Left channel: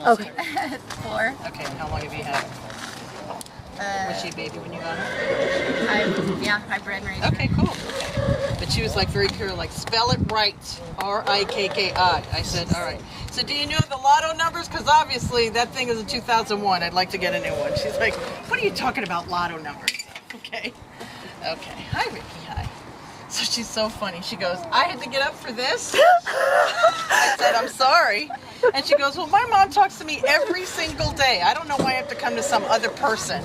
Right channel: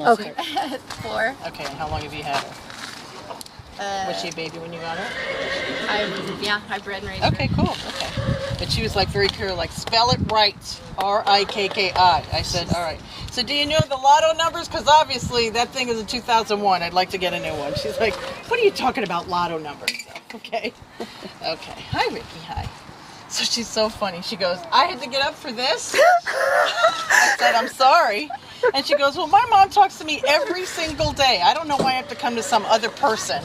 Okay. 4. Okay, and how long have you had it? Was she a baby when you got it? I bred and raised her. Okay, cool. Okay. But she was like very clear, like, spell it right. Rikki. I said, all right. So do you know the lotto numbers? Because obviously that thing is in 2001. I'd like to get a new one. She's like, what are you talking about lotto numbers? Okay. Okay. Hi, Rikki. Hi. So she's so funny. She goes, I had to get up for this? I said, I'm sorry. And she goes, well, my mom talks to me every single day. I don't know why I have to come to some other person.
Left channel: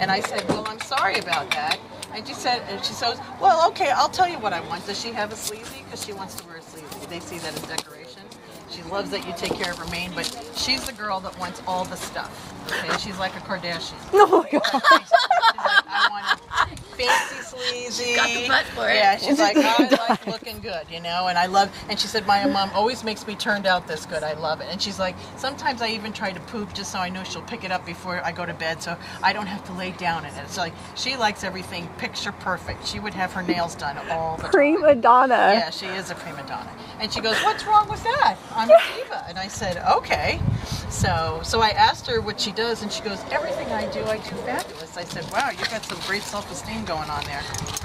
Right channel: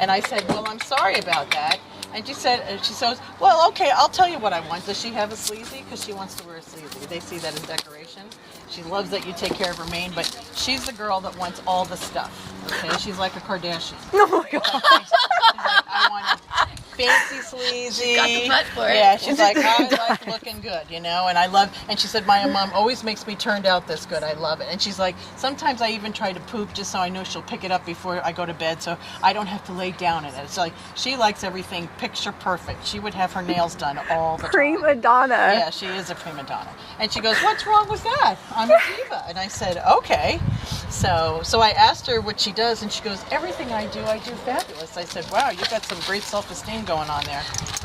And I said, well, I'm sorry about that. And she says, well, okay, I'll tell you what I want. Does she have a sleazy? Because she wants to wear a sleazy. Did they see that as decoration? She loves that you take care of her mane, but she's the girl that wants all the stuff. Okay, she's like a Kardashian. Oh my God. She's like, I want it fancy sleazy. Got the butt for it. Yeah, she's like, I like looking good, you know, and she said, my mom always makes me turned out this good. I love it. And she's like, sometimes I even try to poop just so I know she'll pick it up before I go to bed so I don't have to lay down in it. It's like, she likes everything picture perfect. She would have her nails done all the time. Prima donna. Yeah, she is a prima donna. And she goes, what's wrong with that? I'm a diva. And I said, okay. So I asked her what she does, and she goes, everything I do fabulous. I said, wow, you got some great self-esteem going on there.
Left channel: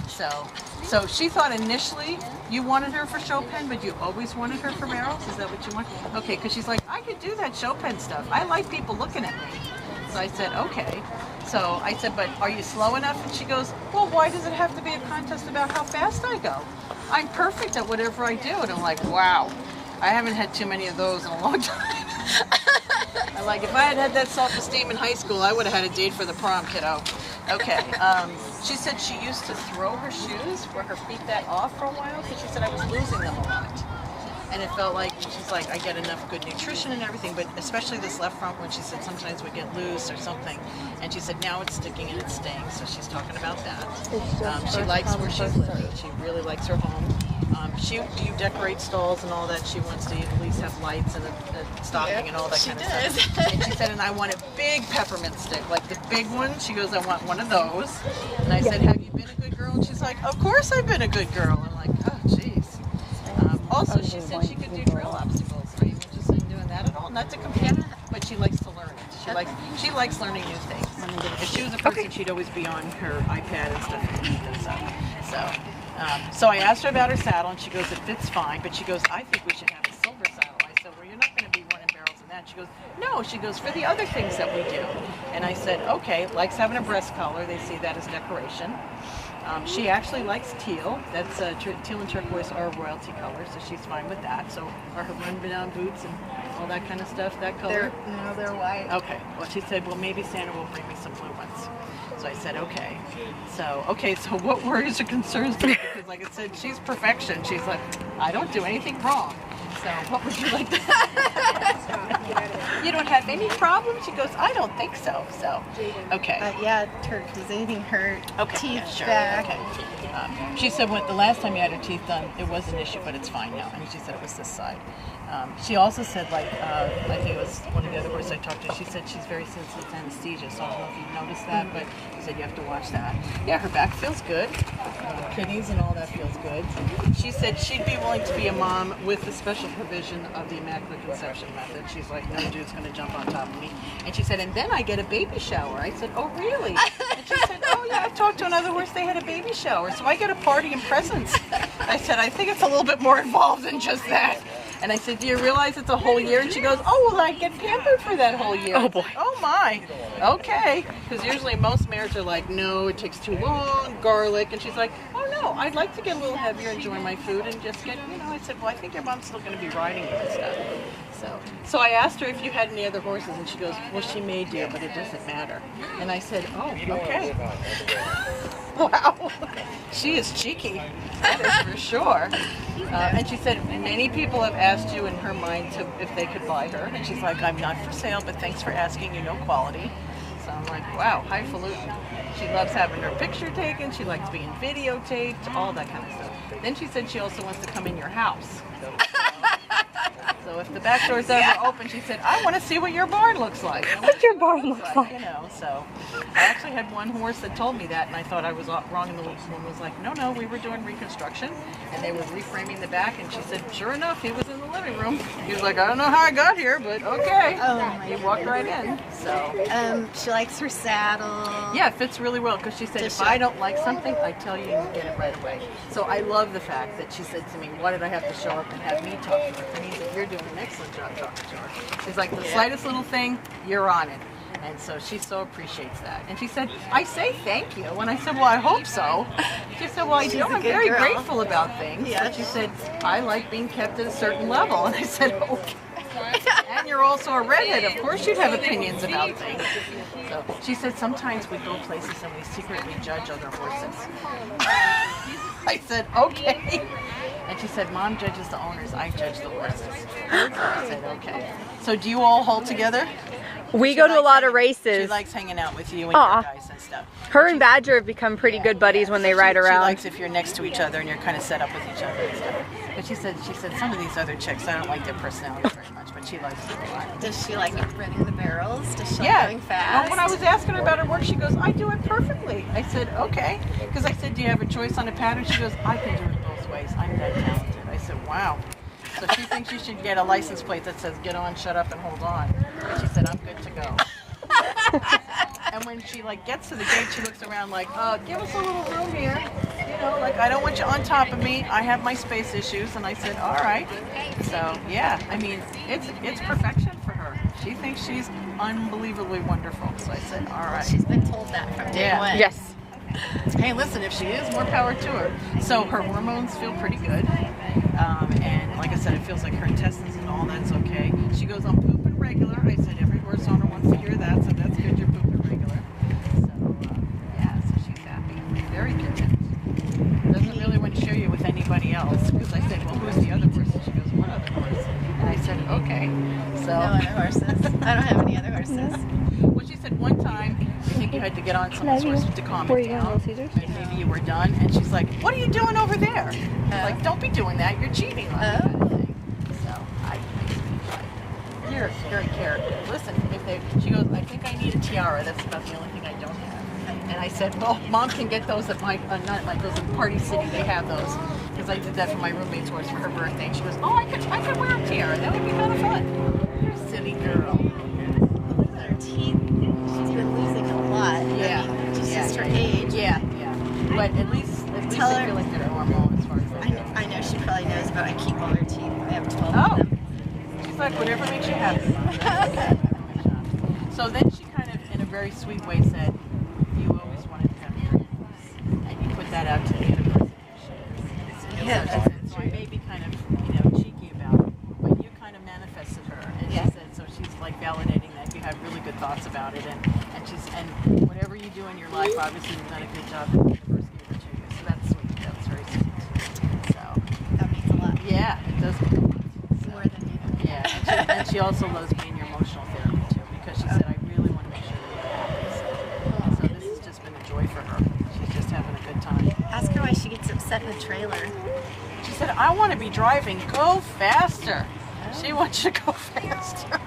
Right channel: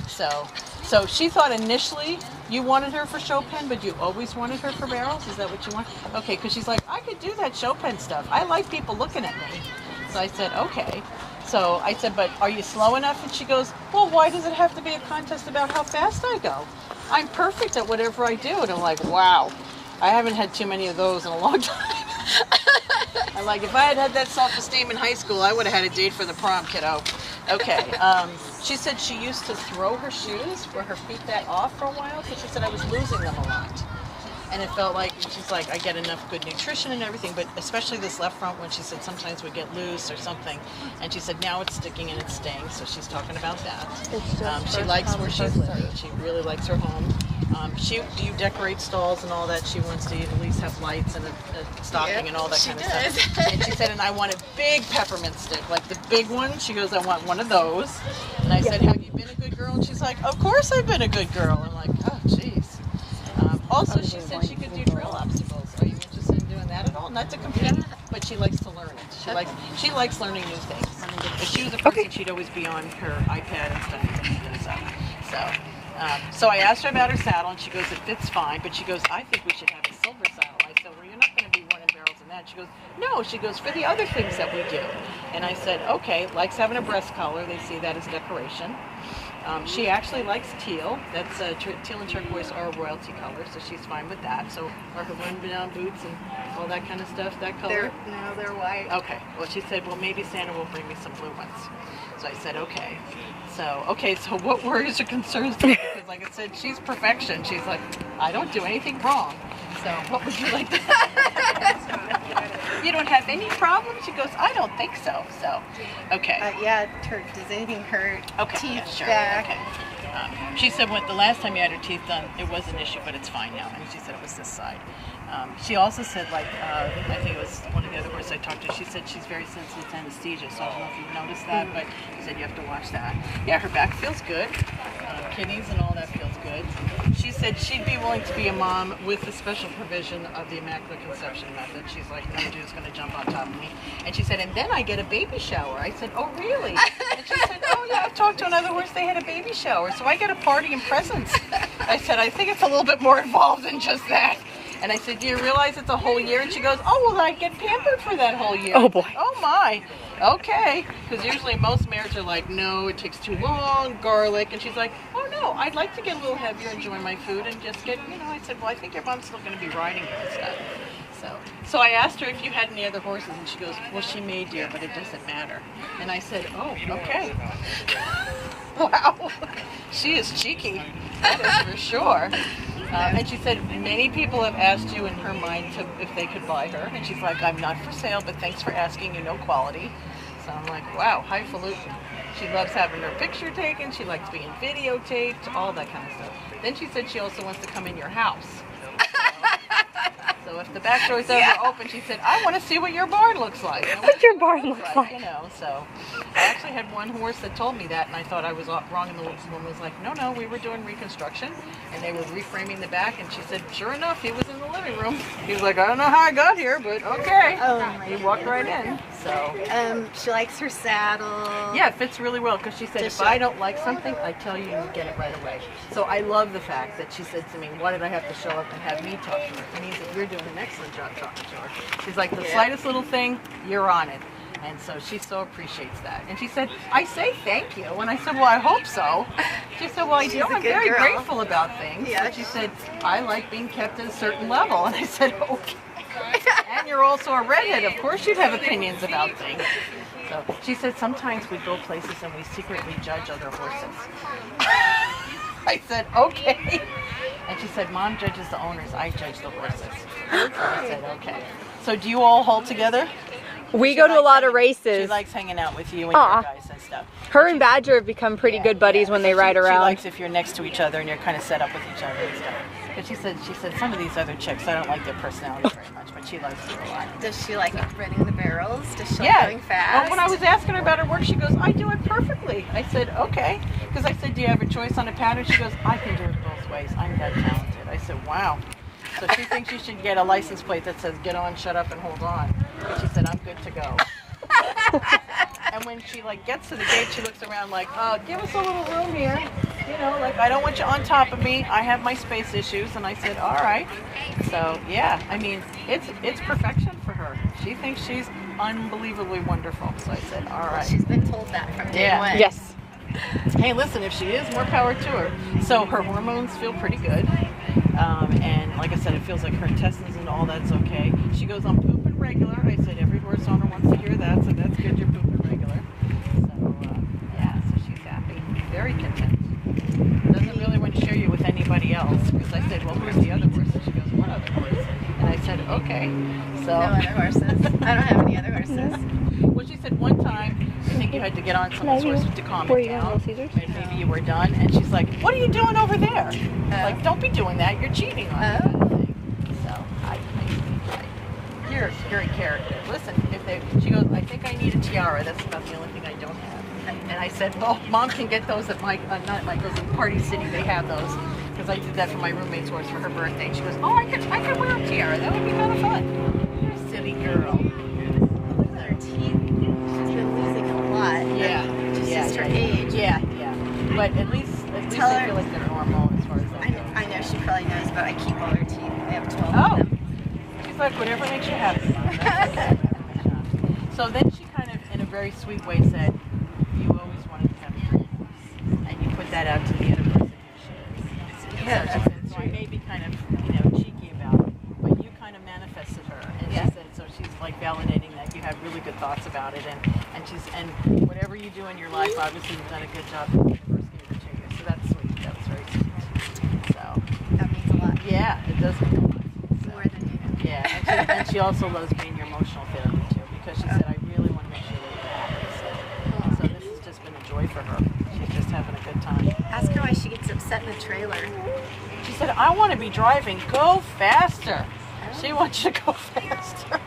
So she thought initially you wanted her for show pen, but you always wanted her for barrels? Is that what you want? Okay, because she's like, I could do that show pen stuff. I like people looking at me. So I said, okay. So I said, but are you slow enough? And she goes, well, why does it have to be a contest about how fast I go? I'm perfect at whatever I do. And I'm like, wow, I haven't had too many of those in a long time. I'm like, if I had had that self-esteem in high school, I would have had a date for the prom, kiddo. Okay. She said she used to throw her shoes for her feet that off for a while because she said I was losing them a lot. And it felt like, she's like, I get enough good nutrition and everything, but especially this left front one, she said sometimes we get loose or something. And she said now it's sticking and it's staying, so she's talking about that. She likes where she's living. She really likes her home. Do you decorate stalls and all that? She wants to at least have lights and a stocking and all that kind of stuff. And she said, and I want a big peppermint stick, like the big one. She goes, I want one of those. And I said, have you been a good girl? And she's like, of course I've been a good girl. I'm like, oh, jeez. Also, she said she could do trail obstacles. Are you interested in doing that at all? Not to compete, but she likes to learn it. She likes learning new things. If she was a person, she'd always be on her iPad and stuff and stuff. So I asked her about her saddle, and she goes, it fits fine. But she goes, I think we should have a silver saddle. I said, well, you're not going to be running barrels in that. She goes, no. She goes, for the other things that we do. And I said, okay, likes having a breast collar. They see that as decoration. She actually likes teal. That's teal and turquoise are royalty colors, so she's fine with that. So are her run-down boots and all that kind of stuff that color? They're white. Okay. Well, she said, well, maybe Santa will bring me some blue ones. So I said, okay. So what worries or concerns do you? Because like I said, she's perfection. She's like, I don't do anything wrong. So what would you like to You don't have any problems? She goes, I don't think so. So, okay. Turquoising her teeth teeth sure. back. Okay. She said the last time you had her teeth done, it was an issue, but it's fine now. And she said it was this side. She also said, I think it was one of the other horses I talked to, she said she's very sensitive to anesthesia, so I don't know if you've noticed that, but she said you have to watch that. Yeah, her back feels good. Kidneys and all that feels good. She said she'd be willing to be a mom with the special provision of the Immaculate Conception method. She's like, no Jew's going to jump on top of me. And she said, and then I get a baby shower. I said, oh, really? And she said, oh, yeah, I've talked to another horse, they had a baby shower, so I get a party and presents. I said, I think it's a little bit more involved than just that. And I said, do you realize it's a whole year? And she goes, oh, well, I get pampered for that whole year. Oh, boy. Oh, my. Okay. Because usually most mares are like, no, it takes too long, garlic. And she's like, oh, no, I'd like to get a little heavier, enjoy my food, and just get, I said, well, I think your mom's still going to be riding you and stuff. So I asked her if you had any other horses, and she goes, well, she may, dear, but it doesn't matter. And I said, oh, okay. Wow. She is cheeky. That is for sure. And she said, many people have asked you in her mind if they could buy her. And she's like, I'm not for sale, but thanks for asking. You know quality. So I'm like, wow, highfalutin. She loves having her picture taken. She likes being videotaped, all that kind of stuff. Then she said she also wants to come in your house. So if the back door's ever open, she said, I want to see what your barn looks like. What your barn looks like. So I actually had one horse that told me that, and I thought I was wrong, and the woman was like, no, we were doing reconstruction, and they were reframing the back, and she said, sure enough, he was in the living room. He's like, I don't know how I got here, but okay. Oh my He walked right in. So. She likes her saddle. Yeah, it fits really well because she said, Does if she? I don't like something, I tell you and you get it right away. So I love the fact that she said to me, why did I have to show up and have me talk to her? And he said, you're doing an excellent job talking to her. She's like, the slightest little thing, you're on it. And so she so appreciates that. And she said, I say thank you. And I said, well, I hope so. She said, well, I do. I'm very grateful about things. Yeah. But she said, I like being kept at a certain level. And I said, okay. And you're also a redhead. Of course you'd have opinions about things. So she said, sometimes we go places and we secretly judge other horses. I said, okay. And she said, Mom judges the owners, I judge the horses. I said, okay. So do you all hold together? We go to a lot of races. She likes hanging out with you and your guys and stuff. Her and Badger have become pretty good buddies when they ride around. She likes if you're next to each other and you're kind of set up with each other and stuff. But she said some of these other chicks, I don't like their personalities very much, but she likes them a lot. Does she like running the barrels? Does she like going fast? Well, when I was asking her about her work, she goes, I do it perfectly. I said, okay. Because I said, do you have a choice on a pattern? She goes, I can do it both ways. I'm that talented. I said, wow. So she thinks you should get a license plate that says, get on, shut up, and hold on. And she said, I'm good to go. And when she gets to the gate, she looks around like, give us a little room here. You know, like, I don't want you on top of me. I have my space issues. And I said, all right. So, yeah, I mean, it's perfection for her. She thinks she's unbelievably wonderful. So I said, all right. She's been told that from day one. Yes. Hey, listen, if she is, more power to her. So her hormones feel pretty good. And like I said, it feels like her intestines and all that's okay. She goes, I'm pooping regular. I said, every horse owner wants to hear that, so that's good, you're pooping regular. So, yeah, so she's happy. Very content. Doesn't really want to share you with anybody else. Because I said, well, who's the other horse? And she goes, what other horse? And I said, okay. So. No other horses. I don't have any other horses. Well, she said one time, I think you had to get on someone's horse to calm it down. Maybe you were done. And she's like, what are you doing over there? Like, don't be doing that. You're cheating on me. Kind of thing. So, I just like, you're a character. Listen, she goes, I think I need a tiara. That's about the only thing I don't have. And I said, well, Mom can get those at not at Michael's, at Party City. They have those. Because I did that for my roommate's horse for her birthday. And she goes, oh, I could wear a tiara. That would be kind of fun. You're a silly girl. Look at her teeth. She's been losing a lot. Yeah. Just her age. Yeah. But at least they feel like they're normal as far as that goes. I know she probably knows, but I keep all her teeth. I have 12 Oh. of them. She's like, whatever makes you happy. Okay. So then she kind of, in a very sweet way, said, you always wanted to have a dream. And you put that out to the universe and here she is. Yeah, So she said, so I may be kind of, cheeky about it, but you kind of manifested her. And she said, so she's like validating that you have really good thoughts about it. And whatever you do in your life, obviously you've done a good job and the universe gave her to you. So that's sweet. That was very sweet. So. That means a lot. Yeah, it does mean a lot. More than you know. Yeah, and she also loves being your emotional therapy too, because she said, I really want to make sure that you're happy. So this has just been a joy for her. She's just having a good time. Ask her why she gets upset in the trailer. She said, I want to be driving. Go faster. She wants you to go faster.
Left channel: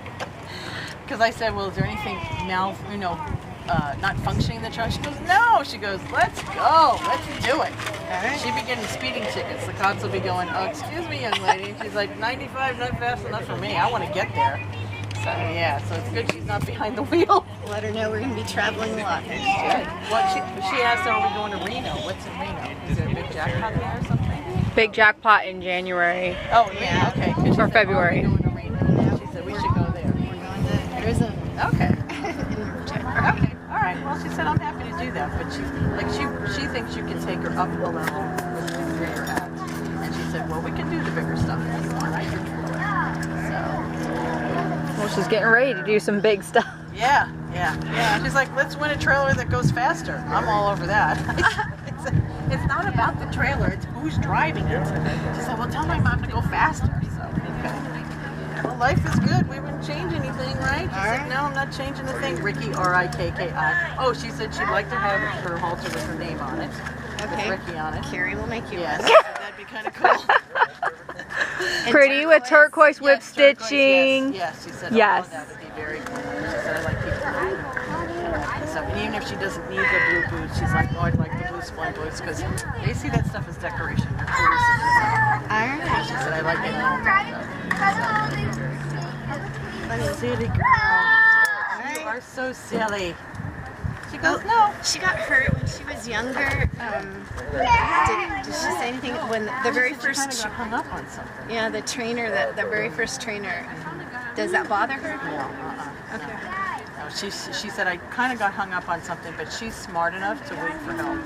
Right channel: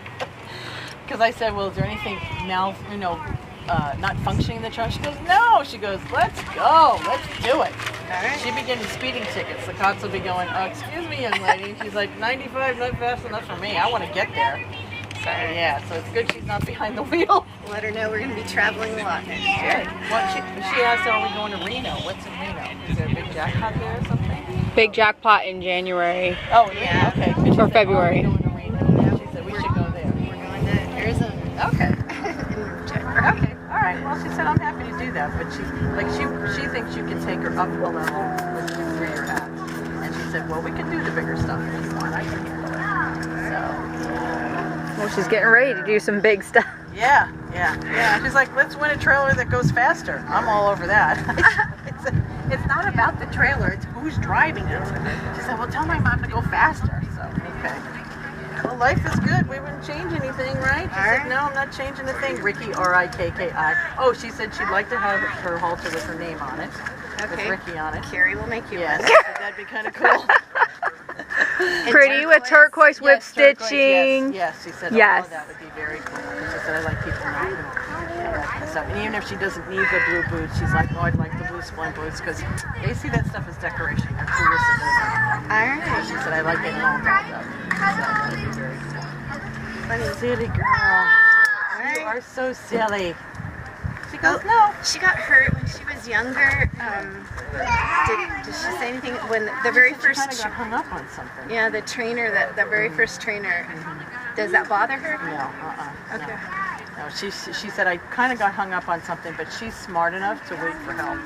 Because I said, well, is there anything not functioning in the trailer? She goes, no. She goes, let's go. Let's do it. Alright. She'd be getting speeding tickets. The cops will be going, excuse me, young lady. She's like, 95, not fast enough for me. I want to get there. So, yeah, so it's good she's not behind the wheel. Let her know we're going to be traveling a lot next year. She asked, are we going to Reno? What's in Reno? Is there a big jackpot there or something? Big jackpot in January. Oh, yeah. Okay. She Or said, February. We're going to Reno. She said, we should go there. We're going to Arizona. Okay. Okay. All right. Well, she said, I'm happy to do that, but she's like, she thinks you can take her up a level with the bigger paths. And she said, well, we can do the bigger stuff if you want. I can do it. So. Well, she's getting ready to do some big stuff. Yeah. She's like, let's win a trailer that goes faster. I'm all over that. It's not about the trailer, it's who's driving it. She said, well, tell my mom to go faster. So, okay. Well, life is good. We wouldn't change anything, right? She said, no, I'm not changing a thing. Rikki, R-I-K-K-I. Oh, she said she'd like to have her halter with her name on it. With Rikki on it. Carrie will make you Yes, one. she said that'd be kind of cool. Pretty with turquoise whip Yes, turquoise, stitching. Yes, she said, Yes. oh, that would be very very cool. She said, I like people and stuff. And even if she doesn't need the blue boots, she's like, oh, I'd like the blue splint boots because they see that stuff as decoration. They're cool as it is. She said, I like it all dolled up. Funny, silly girl. You are so silly. She goes, no. She got hurt when she was younger. Did she say anything when the very first? She kind of got hung up on something. Yeah, the trainer, the very first trainer. Does that bother her? No, Okay. no. She said I kind of got hung up on something, but she's smart enough to wait for help.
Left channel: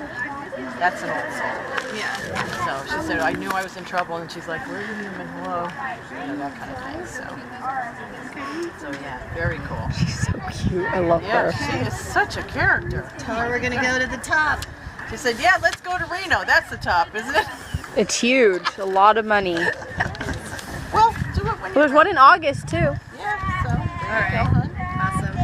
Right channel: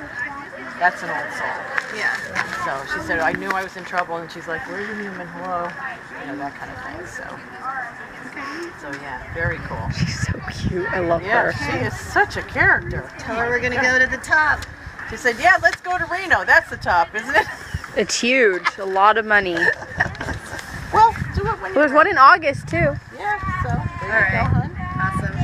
That's an old soul. Yeah. So she said I knew I was in trouble, and she's like, "Where are you, human? Hello," you know, that kind of thing. So yeah, very cool. She's so cute. I love Yeah, her. she is such a character. Tell her we're gonna go to the top. She said, "Yeah, let's go to Reno. That's the top, isn't it?" It's huge. A lot of money. Well, do it when There's one in August too. Yeah. So there you go, hon. Awesome.